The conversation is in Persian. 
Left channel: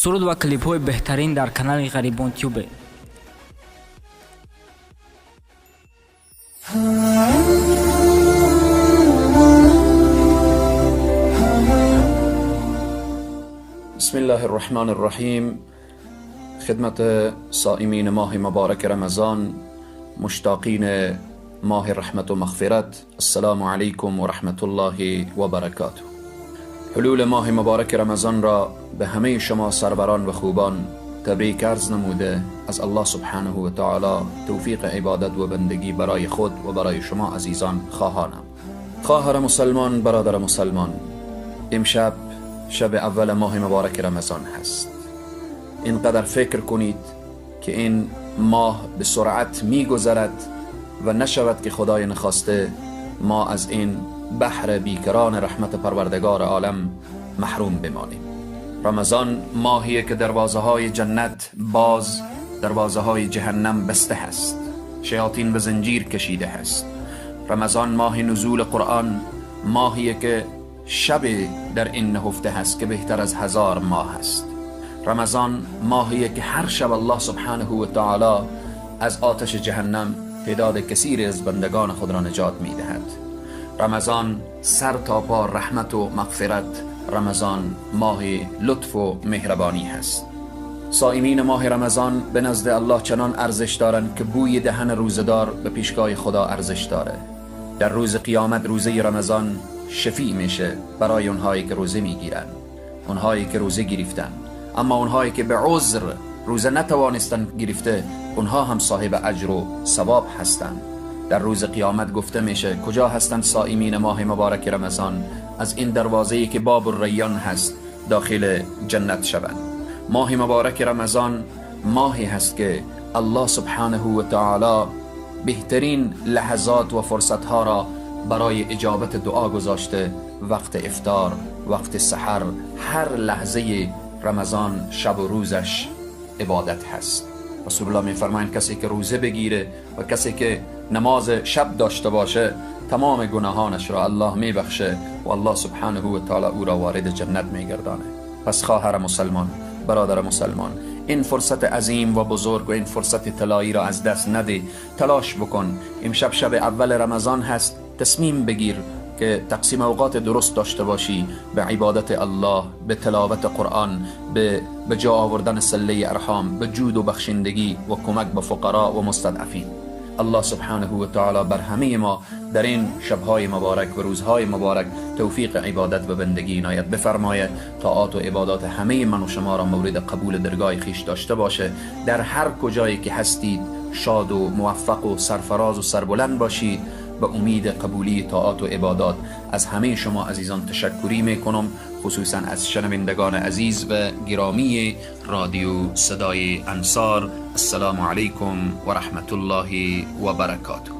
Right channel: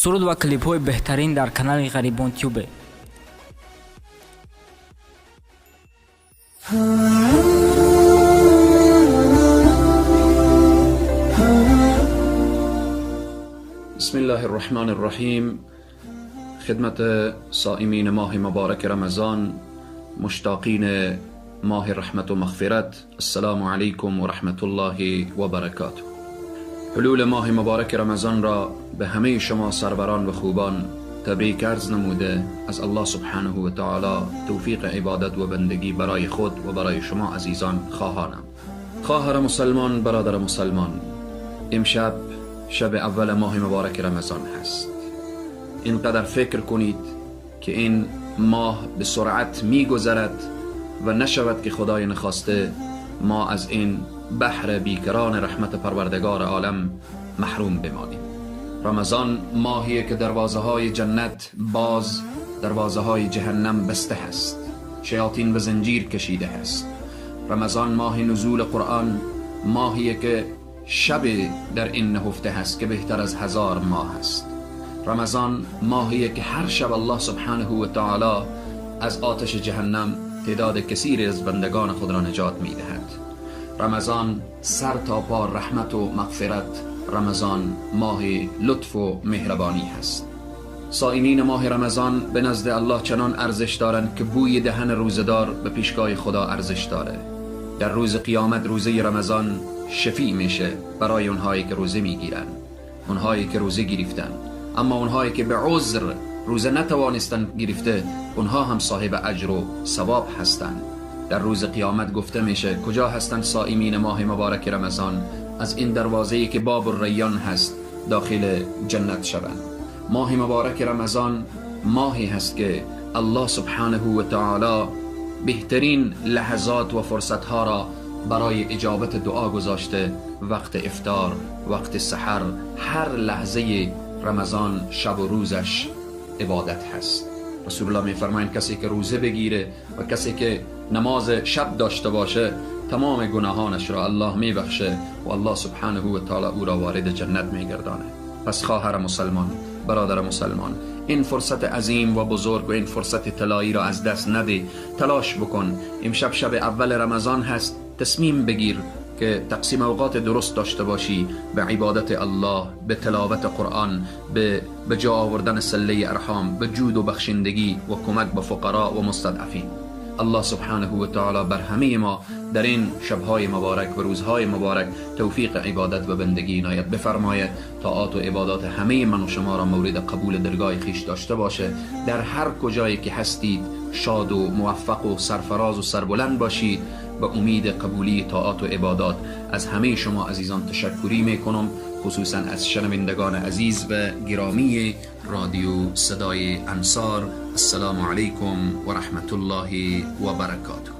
سرود و کلیپ های بهترین در کانال غریبان تیوب. بسم الله الرحمن الرحیم. خدمت صائمین ماه مبارک رمضان، مشتاقین ماه رحمت و مغفرت، السلام علیکم و رحمت الله و برکاته. حلول ماه مبارک رمضان را به همه شما سروران و خوبان تبریک عرض نموده از الله سبحانه و تعالی توفیق عبادت و بندگی برای خود و برای شما عزیزان خواهانم. خواهر مسلمان، برادر مسلمان، امشب شب اول ماه مبارک رمضان هست. اینقدر فکر کنید که این ماه به سرعت می گذرد و نشود که خدای نخواسته ما از این بحر بیکران رحمت پروردگار عالم محروم بمانیم. رمضان ماهیه که دروازه های جنت باز، دروازه های جهنم بسته هست، شیاطین به زنجیر کشیده هست. رمضان ماه نزول قرآن، ماهیه که شب در این نهفته هست که بهتر از 1000 ماه است. رمضان ماهیه که هر شب الله سبحانه و تعالی از آتش جهنم تعداد کثیری از بندگان خود را نجات می دهد. رمضان سر تا پا رحمت و مغفرت، رمضان ماه لطف و مهربانی هست. صائمین ماه رمضان به نزد الله چنان ارزش دارند که بوی دهن روزدار به پیشگاه خدا ارزش داره. در روز قیامت روزه رمضان شفیع میشه برای اونهایی که روزه میگیرن، اونهایی که روزه گرفتن. اما اونهایی که به عذر روزه نتوانستن گرفته، اونها هم صاحب اجر و ثواب هستند. در روز قیامت گفته میشه کجا هستند صائمین ماه مبارک رمضان؟ از این دروازه‌ای که باب الریان هست داخل جنت شوند. ماه مبارک رمضان ماهی هست که الله سبحانه و تعالی بهترین لحظات و فرصتها را برای اجابت دعا گذاشته. وقت افطار، وقت سحر، هر لحظه رمضان شب و روزش عبادت هست. رسول الله میفرمایند کسی که روزه بگیره و کسی که نماز شب داشته باشه تمام گناهانش را الله میبخشه و الله سبحانه و تعالی او را وارد جنت میگردانه. پس خواهر مسلمان، برادر مسلمان، این فرصت عظیم و بزرگ و این فرصت طلایی را از دست نده. تلاش بکن. امشب شب اول رمضان هست. تصمیم بگیر که تقسیم اوقات درست داشته باشی به عبادت الله، به تلاوت قرآن، به جا آوردن صله ارحام، به جود و بخشندگی و کمک به فقرا و مستضعفین. الله سبحانه و تعالی بر همه ما در این شبهای مبارک و روزهای مبارک توفیق عبادت و بندگی عنایت بفرمایه. طاعات و عبادات همه من و شما را مورد قبول درگاه خیش داشته باشه. در هر کجایی که هستید شاد و موفق و سرفراز و سربلند باشید. به امید قبولی طاعات و عبادات از همه شما عزیزان تشکری میکنم، خصوصا از شنوندگان عزیز و گرامی رادیو صدای انصار. السلام علیکم و رحمت الله و برکاته.